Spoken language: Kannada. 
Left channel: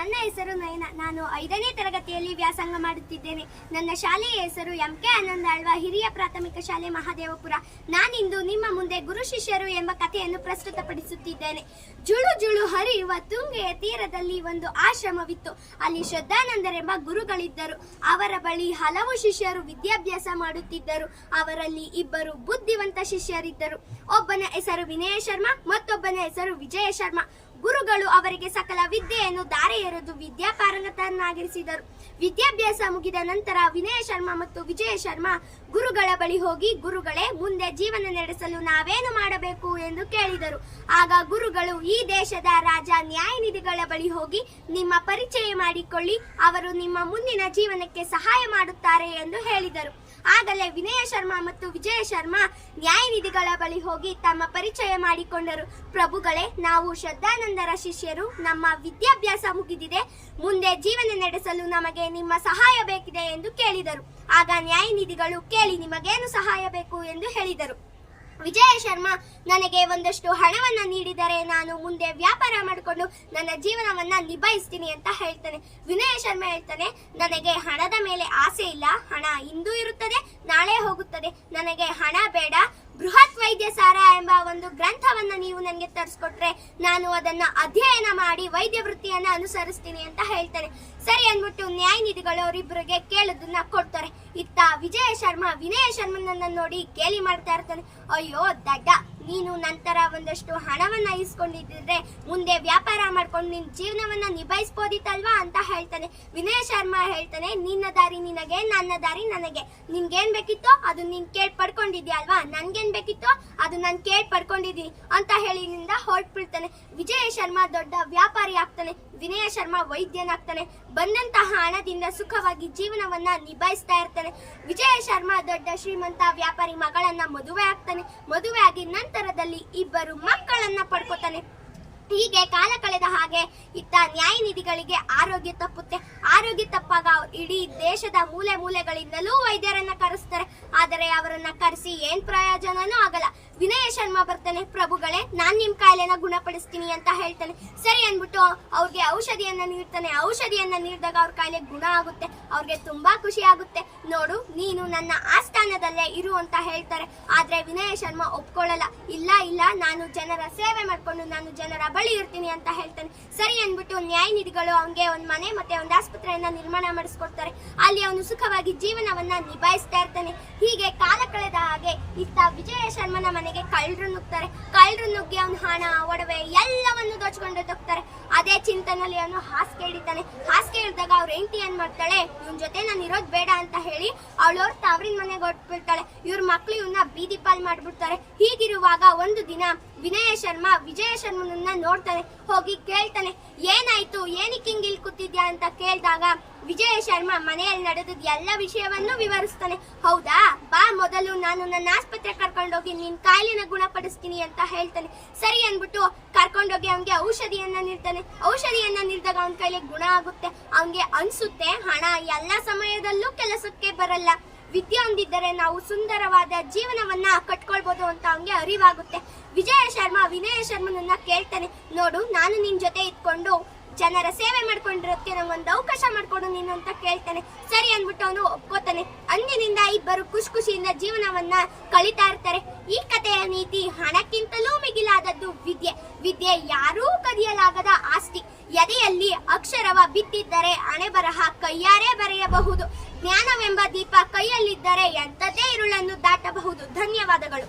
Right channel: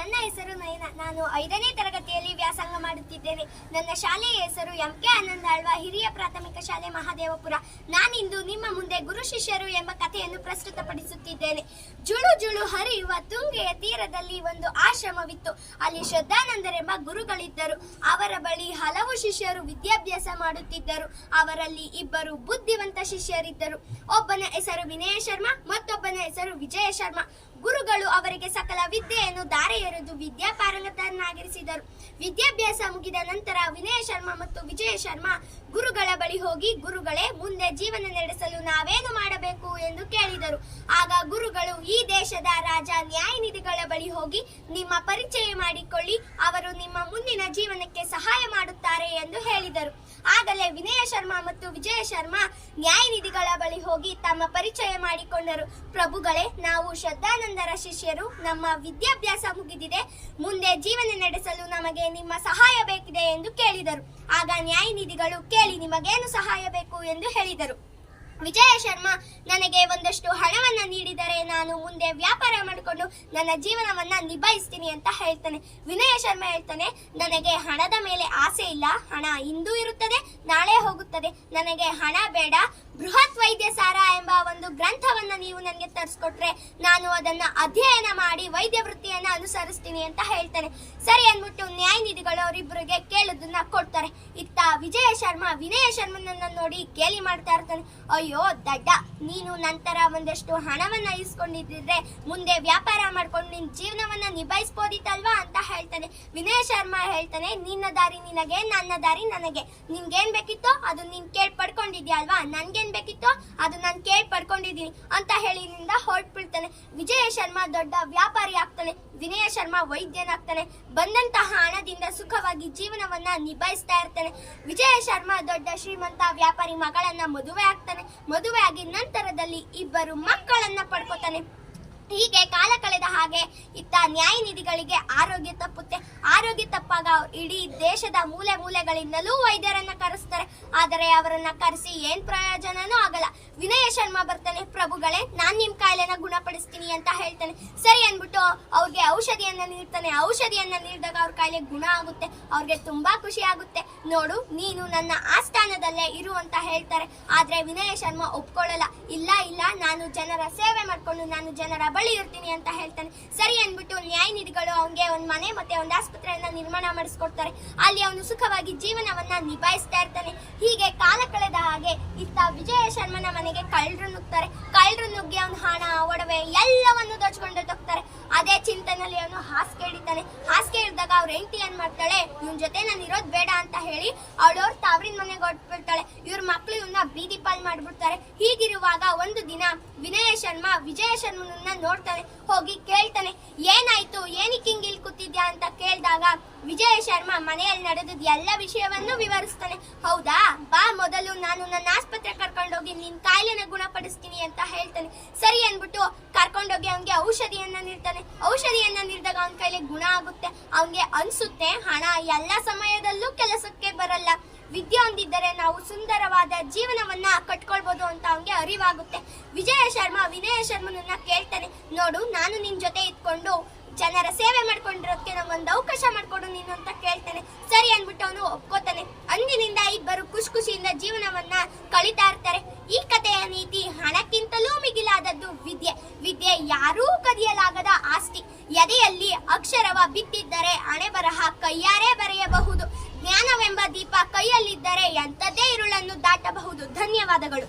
ನನ್ನ ಹೆಸರು ನಯನ. ನಾನು 5ನೇ ತರಗತಿಯಲ್ಲಿ ವ್ಯಾಸಂಗ ಮಾಡುತ್ತಿದ್ದೇನೆ. ನನ್ನ ಶಾಲೆಯ ಹೆಸರು MK ಆನಂದ ಆಳ್ವ ಹಿರಿಯ ಪ್ರಾಥಮಿಕ ಶಾಲೆ ಮಹಾದೇವಪುರ. ನಾನಿಂದು ನಿಮ್ಮ ಮುಂದೆ ಗುರು ಶಿಷ್ಯರು ಎಂಬ ಕಥೆಯನ್ನು ಪ್ರಸ್ತುತಪಡಿಸುತ್ತಿದ್ದೇನೆ. ಜುಳು ಜುಳು ಹರಿಯುವ ತುಂಗೆಯ ತೀರದಲ್ಲಿ ಒಂದು ಆಶ್ರಮವಿತ್ತು. ಅಲ್ಲಿ ಶ್ರದ್ಧಾನಂದರೆಂಬ ಗುರುಗಳಿದ್ದರು. ಅವರ ಬಳಿ ಹಲವು ಶಿಷ್ಯರು ವಿದ್ಯಾಭ್ಯಾಸ ಮಾಡುತ್ತಿದ್ದರು. ಅವರಲ್ಲಿ ಇಬ್ಬರು ಬುದ್ಧಿವಂತ ಶಿಷ್ಯರಿದ್ದರು. ಒಬ್ಬನ ಹೆಸರು ವಿನಯ ಶರ್ಮಾ, ಮತ್ತೊಬ್ಬನ ಹೆಸರು ವಿಜಯ ಶರ್ಮಾ. ಗುರುಗಳು ಅವರಿಗೆ ಸಕಲ ವಿದ್ಯೆಯನ್ನು ದಾರೆ ಎರೆದು ವಿದ್ಯಾಪಾರಂಗತನಾಗಿರಿಸಿದರು. ವಿದ್ಯಾಭ್ಯಾಸ ಮುಗಿದ ನಂತರ ವಿನಯ ಶರ್ಮಾ ಮತ್ತು ವಿಜಯ ಶರ್ಮಾ ಗುರುಗಳ ಬಳಿ ಹೋಗಿ, ಗುರುಗಳೇ, ಮುಂದೆ ಜೀವನ ನಡೆಸಲು ನಾವೇನು ಮಾಡಬೇಕು ಎಂದು ಕೇಳಿದರು. ಆಗ ಗುರುಗಳು, ಈ ದೇಶದ ರಾಜ ನ್ಯಾಯನಿಧಿಗಳ ಬಳಿ ಹೋಗಿ ನಿಮ್ಮ ಪರಿಚಯ ಮಾಡಿಕೊಳ್ಳಿ, ಅವರು ನಿಮ್ಮ ಮುಂದಿನ ಜೀವನಕ್ಕೆ ಸಹಾಯ ಮಾಡುತ್ತಾರೆ ಎಂದು ಹೇಳಿದರು. ಆಗಲೇ ವಿನಯ ಶರ್ಮಾ ಮತ್ತು ವಿಜಯ ಶರ್ಮಾ ನ್ಯಾಯನಿಧಿಗಳ ಬಳಿ ಹೋಗಿ ತಮ್ಮ ಪರಿಚಯ ಮಾಡಿಕೊಂಡರು. ಪ್ರಭುಗಳೇ, ನಾವು ಶ್ರದ್ಧಾನಂದರ ಶಿಷ್ಯರು, ನಮ್ಮ ವಿದ್ಯಾಭ್ಯಾಸ ಮುಗಿದಿದೆ, ಮುಂದೆ ಜೀವನ ನಡೆಸಲು ನಮಗೆ ನಿಮ್ಮ ಸಹಾಯ ಬೇಕಿದೆ ಎಂದು ಕೇಳಿದರು. ಆಗ ನ್ಯಾಯನಿಧಿಗಳು, ಕೇಳಿ, ನಿಮಗೇನು ಸಹಾಯ ಬೇಕು ಎಂದು ಹೇಳಿದರು. ವಿಜಯ ಶರ್ಮಾ, ನನಗೆ ಒಂದಷ್ಟು ಹಣವನ್ನ ನೀಡಿದರೆ ನಾನು ಮುಂದೆ ವ್ಯಾಪಾರ ಮಾಡಿಕೊಂಡು ನನ್ನ ಜೀವನವನ್ನ ನಿಭಾಯಿಸ್ತೀನಿ ಅಂತ ಹೇಳ್ತಾನೆ. ವಿನಯ ಶರ್ಮಾ ಹೇಳ್ತಾನೆ, ನನಗೆ ಹಣದ ಮೇಲೆ ಆಸೆ ಇಲ್ಲ, ಹಣ ಇಂದು ಇರುತ್ತದೆ, ನಾಳೆ ಹೋಗುತ್ತದೆ, ನನಗೆ ಹಣ ಬೇಡ. ಬೃಹತ್ ವೈದ್ಯ ಸಾರ ಎಂಬ ಒಂದು ಗ್ರಂಥವನ್ನ ನೀವು ನನಗೆ ತರಿಸ್ಕೊಟ್ರೆ ನಾನು ಅದನ್ನ ಅಧ್ಯಯನ ಮಾಡಿ ವೈದ್ಯ ವೃತ್ತಿಯನ್ನ ಅನುಸರಿಸ್ತೀನಿ ಅಂತ ಹೇಳ್ತಾನೆ. ಸರಿ ಅಂದ್ಬಿಟ್ಟು ನ್ಯಾಯನಿಧಿಗಳು ಅವರಿಬ್ಬರಿಗೆ ಕೇಳೋದನ್ನ ಕೊಡ್ತಾರೆ. ಇತ್ತ ವಿಜಯ ಶರ್ಮಾ ವಿನಯ ಶರ್ಮನನ್ನ ನೋಡಿ ಗೇಲಿ ಮಾಡ್ತಾ ಇರ್ತಾನೆ. ಅಯ್ಯೋ ದಡ್ಡ, ನೀನು ನಂತರ ಒಂದಷ್ಟು ಹಣವನ್ನ ಇಸ್ಕೊಂಡಿದ್ರೆ ಮುಂದೆ ವ್ಯಾಪಾರ ಮಾಡ್ಕೊಂಡು ನಿನ್ ಜೀವನವನ್ನ ನಿಭಾಯಿಸಬಹುದಿತ್ತಲ್ವಾ ಅಂತ ಹೇಳ್ತಾನೆ. ವಿನಯ ಶರ್ಮಾ ಹೇಳ್ತಾನೆ, ನಿನ್ನ ದಾರಿ ನಿನಗೆ, ನನ್ನ ದಾರಿ ನನಗೆ. ನಿನ್ಗೇನ್ ಬೇಕಿತ್ತೋ ಅದು ನೀನ್ ಕೇಳಿ ಪಡ್ಕೊಂಡಿದ್ಯಾ ಅಲ್ವಾ, ನನ್ಗೇನ್ ಬೇಕಿತ್ತೋ ಅದು ನಾನು ಕೇಳಿ ಪಡ್ಕೊಂಡಿದ್ದೀನಿ ಅಂತ ಹೇಳಿನಿಂದ ಹೊರಟ್ಬಿಡ್ತಾನೆ. ವಿಜಯ ಶರ್ಮಾ ದೊಡ್ಡ ವ್ಯಾಪಾರಿ ಆಗ್ತಾನೆ, ವಿನಯ ಶರ್ಮಾ ವೈದ್ಯನಾಗ್ತಾನೆ. ಬಂದಂತಹ ಹಣದಿಂದ ಸುಖವಾಗಿ ಜೀವನವನ್ನ ನಿಭಾಯಿಸ್ತಾ ಇರ್ತಾನೆ. ವಿಜಯ ಶರ್ಮಾ ದೊಡ್ಡ ಶ್ರೀಮಂತ ವ್ಯಾಪಾರಿ ಮಗಳನ್ನ ಮದುವೆ ಆಗ್ತಾನೆ. ಮದುವೆ ಆಗಿ ನಂತರದಲ್ಲಿ ಇಬ್ಬರು ಮಕ್ಕಳನ್ನ ಪಡ್ಕೋತಾನೆ. ಹೀಗೆ ಕಾಲ ಕಳೆದ ಹಾಗೆ ಇತ್ತ ನ್ಯಾಯನಿಧಿಗಳಿಗೆ ಆರೋಗ್ಯ ತಪ್ಪುತ್ತೆ. ಆರೋಗ್ಯ ತಪ್ಪಾಗ ಇಡೀ ದೇಶದ ಮೂಲೆ ಮೂಲೆಗಳಿಂದಲೂ ವೈದ್ಯರನ್ನ ಕರೆಸ್ತಾರೆ. ಆದರೆ ಅವರನ್ನ ಕರೆಸಿ ಏನ್ ಪ್ರಯೋಜನನೂ ಆಗಲ್ಲ. ವಿನಯ ಶರ್ಮಾ ಬರ್ತಾನೆ, ಪ್ರಭುಗಳೇ, ನಾನ್ ನಿಮ್ ಕಾಯಿಲೆನ ಗುಣಪಡಿಸ್ತೀನಿ ಅಂತ ಹೇಳ್ತಾನೆ. ಸರಿ ಅನ್ಬಿಟ್ಟು ಅವ್ರಿಗೆ ಔಷಧಿಯನ್ನ ನೀಡ್ತಾನೆ. ಔಷಧಿಯನ್ನ ನೀಡಿದಾಗ ಅವ್ರ ಕಾಯಿಲೆ ಗುಣ ಆಗುತ್ತೆ. ಅವ್ರಿಗೆ ತುಂಬಾ ಖುಷಿ ಆಗುತ್ತೆ. ನೋಡು, ನೀನು ನನ್ನ ಆಸ್ಥಾನದಲ್ಲೇ ಇರು ಅಂತ ಹೇಳ್ತಾರೆ. ಆದ್ರೆ ವಿನಯ ಶರ್ಮಾ ಒಪ್ಕೊಳ್ಳಲ್ಲ. ಇಲ್ಲ ಇಲ್ಲ, ನಾನು ಜನರ ಸೇವೆ ಮಾಡ್ಕೊಂಡು ನಾನು ಜನರ ಬಳಿ ಇರ್ತೀನಿ ಅಂತ ಹೇಳ್ತಾನೆ. ಸರಿ ಅನ್ಬಿಟ್ಟು ನ್ಯಾಯನಿಧಿಗಳು ಅವನಿಗೆ ಒಂದ್ ಮನೆ ಮತ್ತೆ ಒಂದ್ ಆಸ್ಪತ್ರೆಯನ್ನ ನಿರ್ಮಾಣ ಮಾಡಿಸ್ಕೊಡ್ತಾರೆ. ಅಲ್ಲಿ ಅವನು ಸುಖವಾಗಿ ಜೀವನವನ್ನ ನಿಭಾಯಿಸ್ತಾ ಇರ್ತಾನೆ. ಹೀಗೆ ಕಾಲ ಕಳೆದ ಹಾಗೆ ಇತ್ತ ವಿಜಯ ಶರ್ಮನ ಮನೆಗೆ ಕಳ್ಳರು ನುಗ್ತಾರೆ. ಕಳ್ಳರು ನುಗ್ಗಿ ಅವನ ಹಣ, ಒಡವೆ ಎಲ್ಲವನ್ನು ದೋಚ್ಕೊಂಡು ಹೋಗ್ತಾರೆ. ಅದೇ ಚಿಂತನೆಯಲ್ಲಿ ಅವನು ಹಾಸಿಗೆ ಹಿಡಿತಾನೆ. ಹಾಸಿಗೆ ಹಿಡಿದಾಗ ಅವ್ರ ಹೆಂಡತಿ ಏನ್ ಮಾಡ್ತಾಳೆ, ಇವನ್ ಜೊತೆ ನಾನು ಇರೋದ್ ಬೇಡ ಅಂತ ಹೇಳಿ ಅವಳವ್ರ ತಾವ್ರಿನ ಮನೆಗೆ ಹೊರಟ್ಬಿಡ್ತಾಳೆ. ಇವ್ರ ಮಕ್ಳು ಇವನ್ನ ಬೀದಿ ಪಾಲ್ ಮಾಡ್ಬಿಡ್ತಾರೆ. ಹೀಗಿರುವಾಗ ಒಂದು ದಿನ ವಿನಯ ಶರ್ಮಾ ವಿಜಯ ಶರ್ಮನನ್ನ ನೋಡ್ತಾನೆ. ಹೋಗಿ ಕೇಳ್ತಾನೆ, ಏನಾಯ್ತು, ಏನಕ್ಕೆ ಹಿಂಗ್ ಇಲ್ಲಿ ಕೂತಿದ್ಯಾ ಅಂತ ಕೇಳಿದಾಗ ವಿಜಯ ಶರ್ಮಾ ಮನೆಯಲ್ಲಿ ನಡೆದದ್ ಎಲ್ಲ ವಿಷಯವನ್ನು ವಿವರಿಸ್ತಾನೆ. ಹೌದಾ, ಬಾ, ಮೊದಲು ನಾನು ನನ್ನ ಆಸ್ಪತ್ರೆ ಕರ್ಕೊಂಡೋಗಿ ನಿನ್ ಕಾಯಿಲೆನ ಗುಣಪಡಿಸ್ತೀನಿ ಅಂತ ಹೇಳ್ತಾನೆ. ಸರಿ ಅನ್ಬಿಟ್ಟು ಕರ್ಕೊಂಡೋಗಿ ಅವನ್ಗೆ ಔಷಧಿಯನ್ನ ನೀಡ್ತಾನೆ. ಔಷಧಿಯನ್ನ ನೀಡಿದಾಗ ಅವನ ಕೈಲಿ ಗುಣ ಆಗುತ್ತೆ. ಅವನ್ಗೆ ಅನ್ಸುತ್ತೆ, ಹಣ ಎಲ್ಲ ಸಮಯದಲ್ಲೂ ಕೆಲಸಕ್ಕೆ ಬರಲ್ಲ, ವಿದ್ಯೆ ಹೊಂದಿದ್ದರೆ ನಾವು ಸುಂದರವಾದ ಜೀವನವನ್ನ ಕಟ್ಕೊಳ್ಬಹುದು ಅಂತ ಅವನಿಗೆ ಅರಿವಾಗುತ್ತೆ. ವಿಜಯ ಶರ್ಮಾ ವಿನಯ ಶರ್ಮನನ್ನ ಕೇಳ್ತಾನೆ, ನೋಡು, ನಾನು ನಿನ್ ಜೊತೆ ಇದ್ಕೊಂಡು ಜನರ ಸೇವೆ ಮಾಡ್ಕೊಂಡಿರೋದಕ್ಕೆ ನಮ್ಗೊಂದು ಅವಕಾಶ ಮಾಡ್ಕೊಡು ನೀನು ಅಂತ ಕೇಳ್ತಾನೆ. ಸರಿ ಅನ್ಬಿಟ್ಟು ಅವನು ಒಪ್ಕೋತಾನೆ. ಅಂದಿನಿಂದ ಇಬ್ಬರು ಖುಷಿ ಖುಷಿಯಿಂದ ಜೀವನವನ್ನ ಕಳೀತಾ ಇರ್ತಾರೆ. ಈ ಕಥೆಯ ನೀತಿ, ಹಣಕ್ಕಿಂತಲೂ ಮಿಗಿಲಾದದ್ದು ವಿದ್ಯೆ. ವಿದ್ಯೆ ಯಾರೂ ಕದಿಯಲಾಗದ ಆಸ್ತಿ. ಎದೆಯಲ್ಲಿ ಅಕ್ಷರವ ಬಿತ್ತಿದ್ದರೆ ಹಣೆ ಬರಹ ಕೈಯಾರೆ ಬರೆಯಬಹುದು. ಜ್ಞಾನವೆಂಬ ದೀಪ ಕೈಯಲ್ಲಿದ್ದರೆ ಎಂಥದೇ ಇರುಳನ್ನು ದಾಟಬಹುದು. ಧನ್ಯವಾದಗಳು.